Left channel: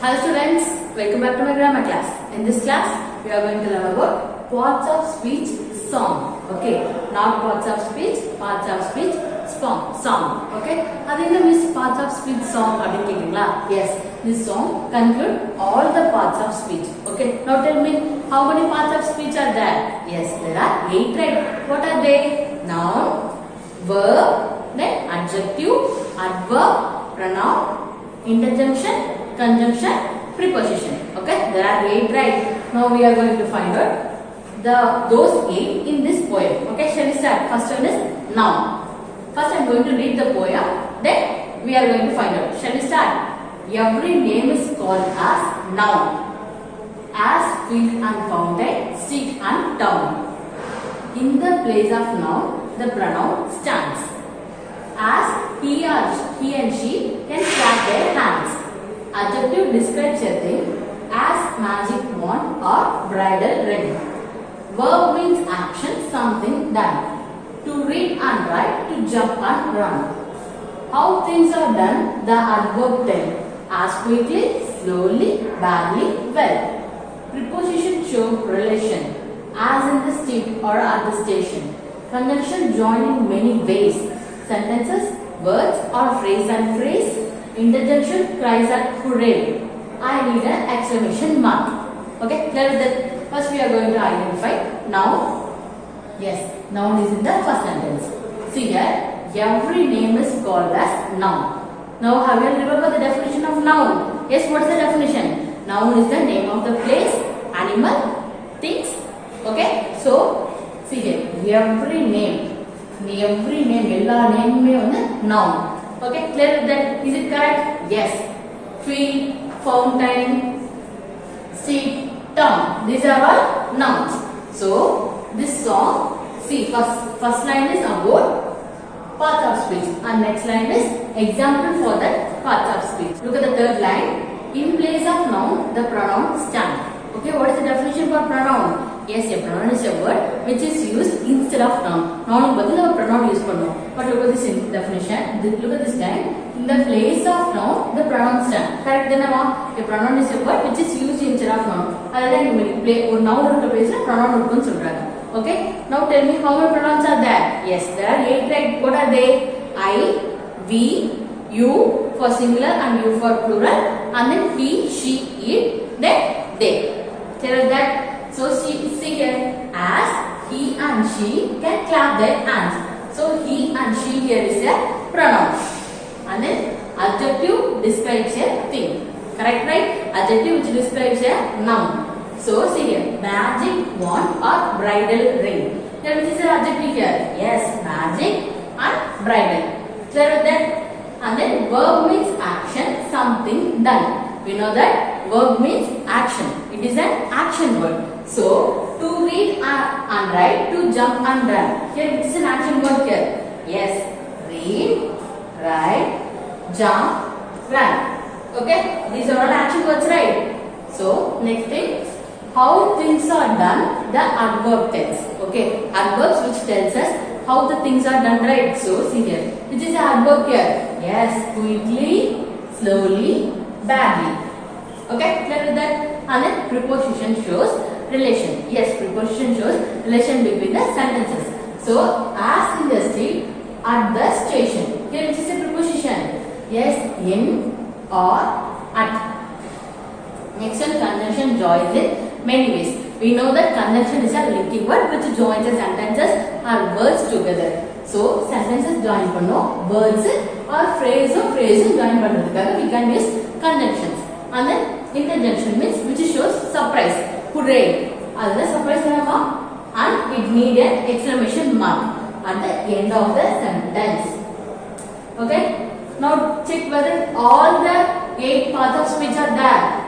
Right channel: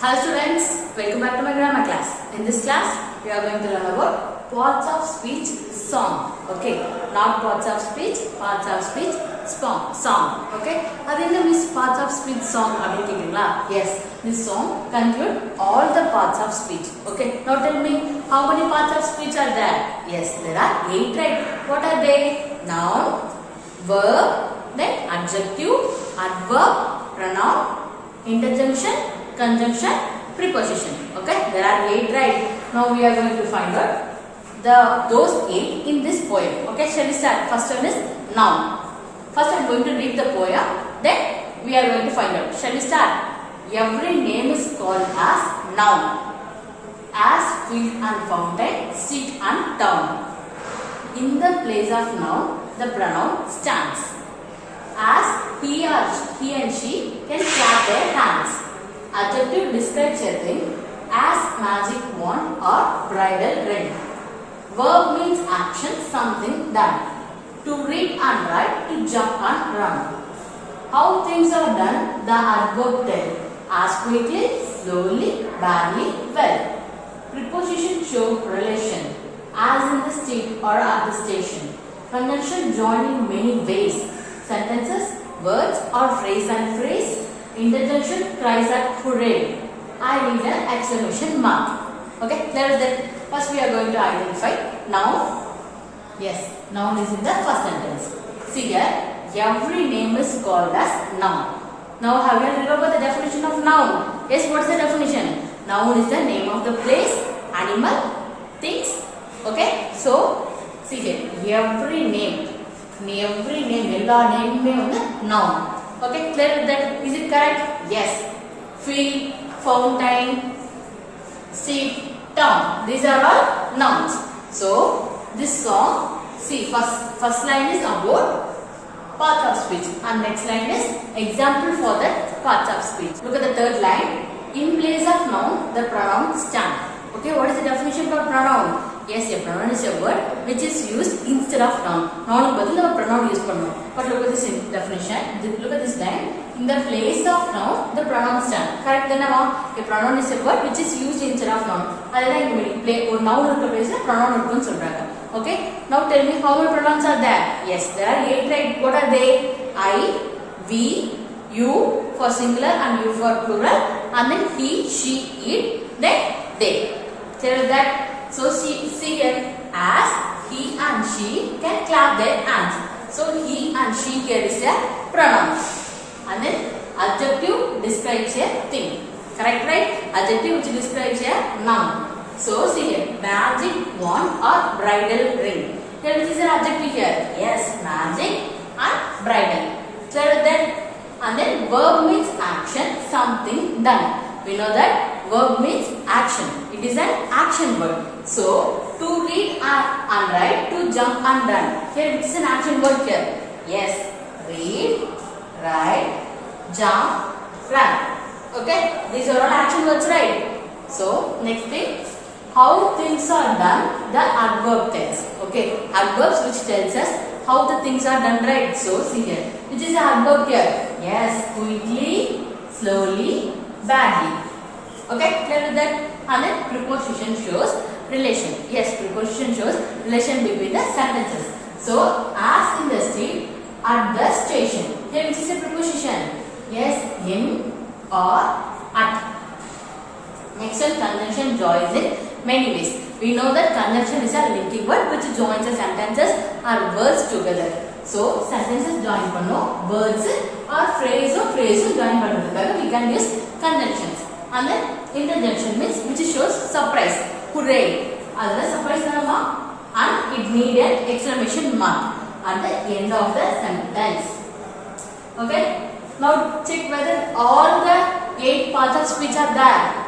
Hello students, welcome back to my grammar class. In this class, we are going to learn about parts of speech song. Okay, not parts of speech song. Okay, that is parts of speech song. Yes, this song conclude all the parts of speech. Okay, now tell me how many parts of speech are there? Yes, there are 8, right? What are they? Noun, verb, then adjective, adverb, pronoun, interjunction, conjunction, preposition. Okay, there are 8, right? Now we are going to find out those 8 in this poem. Okay, shall we start? First one is noun. First I am going to read the poem, then we are going to find out. Shall we start? Every name is called as noun. As field and fountain, street and town. In the place of noun, the pronoun stands. As he and she can clap their hands. Adjective describes a thing as magic wand or bridal ring. Verb means action, something done. To read and write, to jump and run. How things are done, the adverb tell. As quickly, slowly, badly, well. Preposition show relation, as in the street or at the station. Conjunction join in many ways. Sentences, words or phrase and phrase. Interjunction cries out hooray. I need an exclamation mark. Okay, there is that. First we are going to identify noun. Yes, noun is in the first sentence. See here, every name is called as noun. Now have you remember the definition of noun? Yes, what is the definition? Noun is the name of the place, animal, things. Okay, so see here, every name, ella name me noun. Okay, clear that? Is it correct? Yes. Field, fountain, street, town. These are all nouns. So this song, see, first line is about parts of speech, and next line is example for that parts of speech. Look at the third line. In place of noun, the pronoun stand. Okay, what is the definition for pronoun? Yes, a pronoun is a word which is used instead of noun. Noun badal we pronoun use pannom. But look at this definition. Look at this line. In the place of noun, the pronoun stand. Correct? Then a pronoun is a word which is used instead of noun. Adala inga play or noun irukka place la pronoun irukku solraanga. Okay? Now tell me how many pronouns are there? Yes, there are 8, right? What are they? I, we, you for singular and you for plural, and then he, she, it, then they. Tell that. So see here, as he and she can clap their hands. So he and she here is a pronoun. And then adjective describes a thing. Correct, right? Adjective which describes a noun. So see here, magic wand or bridal ring. Here which is an adjective here? Yes, magic and bridal. Clear with that? And then verb means action, something done. We know that verb means action. It is an action word. So, to read and write, to jump and run. Here it is an action word here. Yes, read, write, jump, run. Okay, these are all action words, right? So, next thing, how things are done, the adverb tells. Okay, adverbs which tells us how the things are done, right? So, see here, which is an adverb here? Yes, quickly, slowly, badly. Okay, clear with that? And then preposition shows relation. Yes, preposition shows relation between the sentences. So, as in the street, at the station. Here which is a preposition? Yes, in or at. Mix and conjunction joins in many ways. We know that conjunction is a linking word which joins the sentences or words together. So, sentences join panno, words or phrase join panno. We can use conjunctions. And then interjunction means which shows surprise. Hooray! As surprise and it needs an exclamation mark at the end of the sentence. Okay? Now check whether all the 8 parts of speech are there.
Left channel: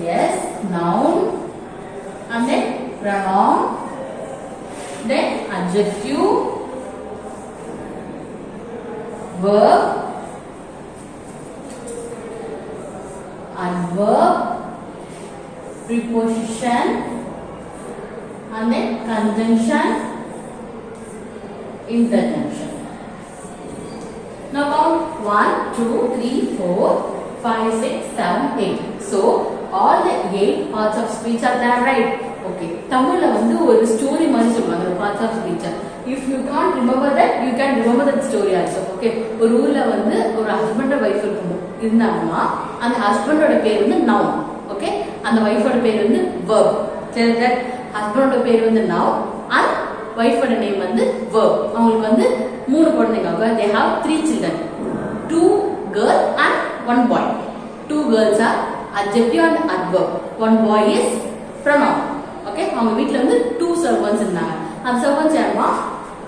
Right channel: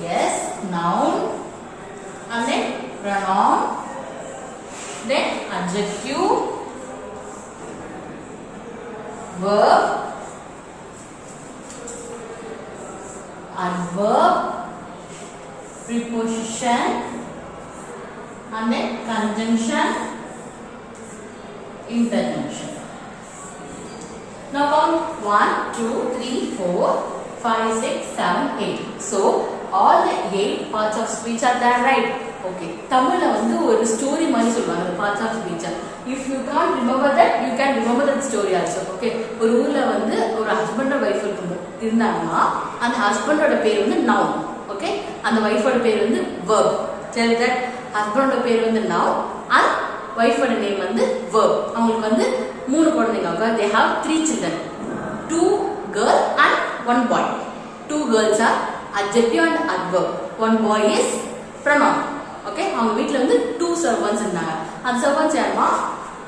Yes, noun, and then pronoun, then adjective, verb, adverb, preposition, and then conjunction, interjunction. Now count 1, 2, 3, 4, 5, 6, 7, 8. So all the 8 parts of speech are there, right? Okay. தமிழ்ல வந்து ஒரு story மாதிரி சொல்லுவாங்க the parts of speech. If you can't remember that, you can remember that story also. Okay. ஒரு ஊர்ல வந்து ஒரு husband and wife இருந்தாங்கன்னா அந்த ஹஸ்பண்டோட பேர் வந்து noun. Okay. அந்த வைஃபோட பேர் வந்து verb. Tell that ஹஸ்பண்டோட பேர் வந்து noun and வைஃபோட நேம் வந்து verb. அவங்களுக்கு வந்து 3 குழந்தைங்க. They have 3 children. 2 girls and 1 boy. 2 girls are adjective and adverb. 1 boy is pronoun. Okay, அவங்க வீட்ல வந்து 2 servants இருந்தாங்க. அந்த servants யாருமா?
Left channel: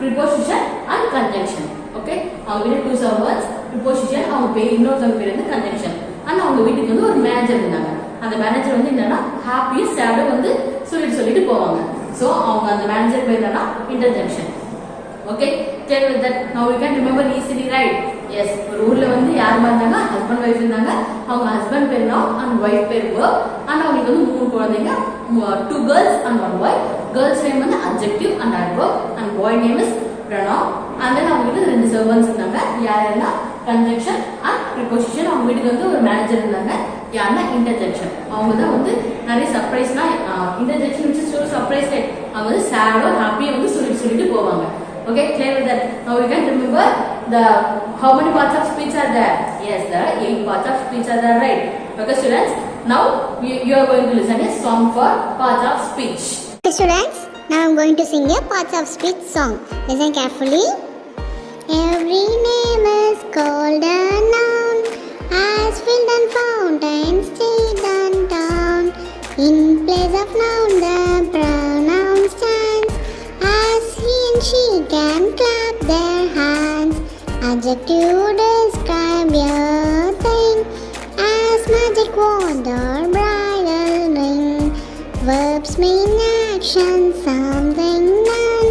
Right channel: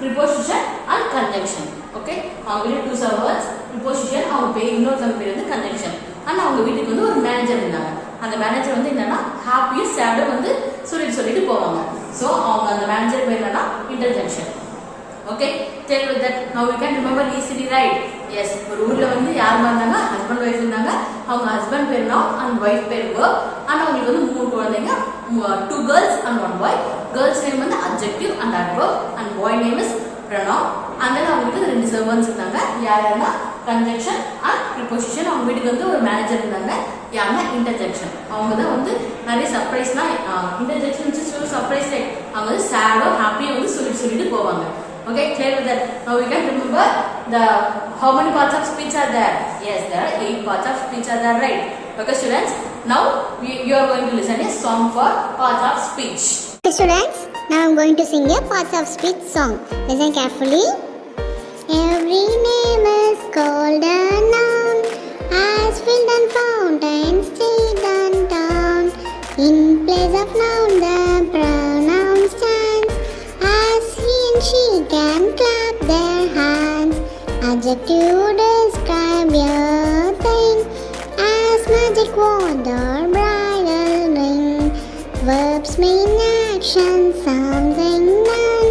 Preposition and conjunction. Okay, அவங்க வீட்ல 2 servants, preposition, அவங்க பேர் இன்னொருத்தங்க பேர் வந்து conjunction. and அவங்க வீட்டுக்கு வந்து ஒரு மேனேஜர் இருந்தாங்க. அந்த மேனேஜர் வந்து என்னன்னா ஹாப்பி சேட் வந்து சொல்லிட்டு போவாங்க. சோ அவங்க அந்த மேனேஜர் பேர் என்னன்னா interjection. Okay, tell that now you can remember easily, right? Yes, ஒரு ஊர்ல வந்து யார் இருந்தாங்க? ஹஸ்பண்ட் வைஃப் இருந்தாங்க. அவங்க ஹஸ்பண்ட் பேர் noun and வைஃப் பேர் verb. and அவங்களுக்கு வந்து 3 குழந்தைங்க, 2 girls and 1 boy. Girls name வந்து adjective and adverb and boy name is pronoun. and then அவங்களுக்கு 2 servants இருந்தாங்க. யாருன்னா conjunction and preposition. அவங்க வீட்டுக்கு வந்து ஒரு மேனேஜர் இருந்தாங்க. யாருன்னா interjection. அவங்க தான் வந்து நிறைய சர்ப்ரைஸ்னா interjection which is so surprise, right? அவங்க வந்து sad or happy வந்து சொல்லிட்டு போவாங்க. Okay, clear with that. Now we can remember the how many parts of speech are there? Yes, there are 8 parts of speech are there, right? Okay, students. Now you are going to listen a song for parts of speech. Okay, students. Now I'm going to sing a parts of speech song. Listen carefully. Every name is called a noun, as field and fountain, street and town. In place of noun, the pronoun stands, as he and she can clap their hands. Adjective describe your thing, as magic wand or bridal ring. Verbs mean action, something done,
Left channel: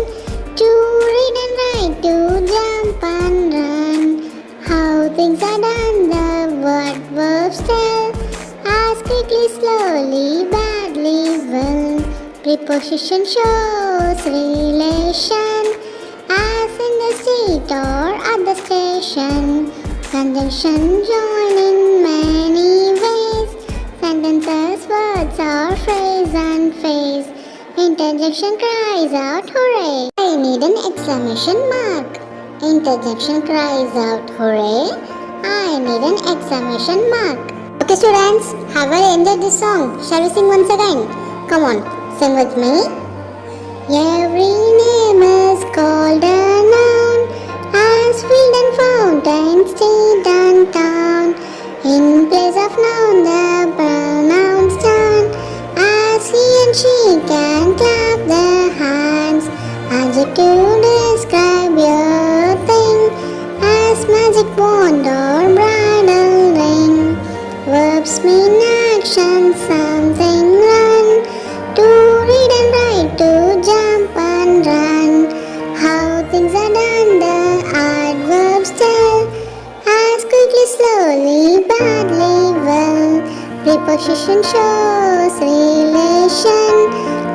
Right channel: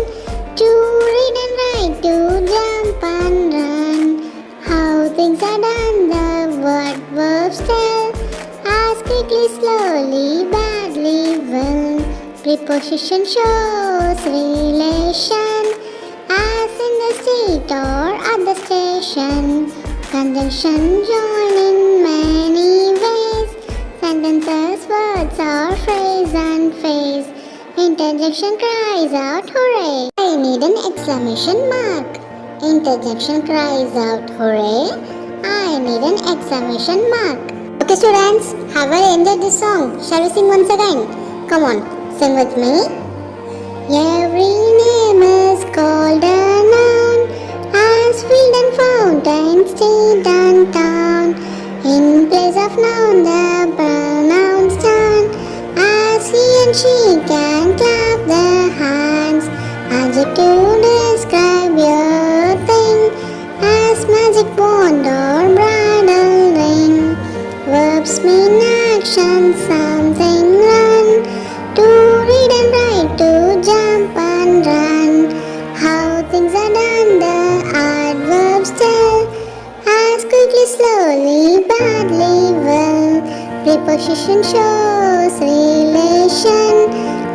to read and write, to jump and run. How things are done, the what verbs tell, as quickly, slowly, badly, well. Preposition shows relation, as in the street or at the station. Conjunction join in many ways, sentences, words or phrase and phrase. Interjection cries out hooray, I need an exclamation mark. Interjection cries out hooray, I need an exclamation mark. Okay students, have I enjoyed this song? Shall we sing once again? Come on, sing with me. Every name is called a noun, as field and fountain, street and town. In place of noun, the pronoun stand, as he and she can clap their hands. Adjective describe your thing, as magic wand or bridal ring. Verbs mean action, something run, to read and write, to jump and run. How things are done, the adverbs tell, as quickly, slowly, badly, well. Preposition shows relation,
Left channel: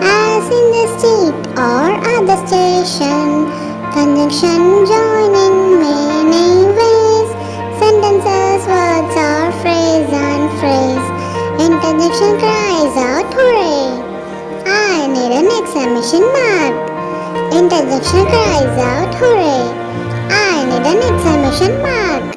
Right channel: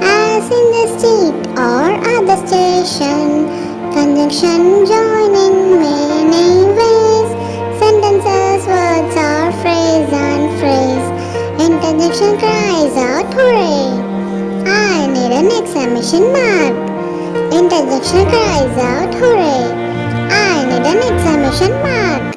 as in the street or at the station. Conjunction join in many ways, sentences, words or phrase and phrase. Interjection cries out hooray, I need an exclamation mark. Interjection cries out hooray, I need an exclamation mark.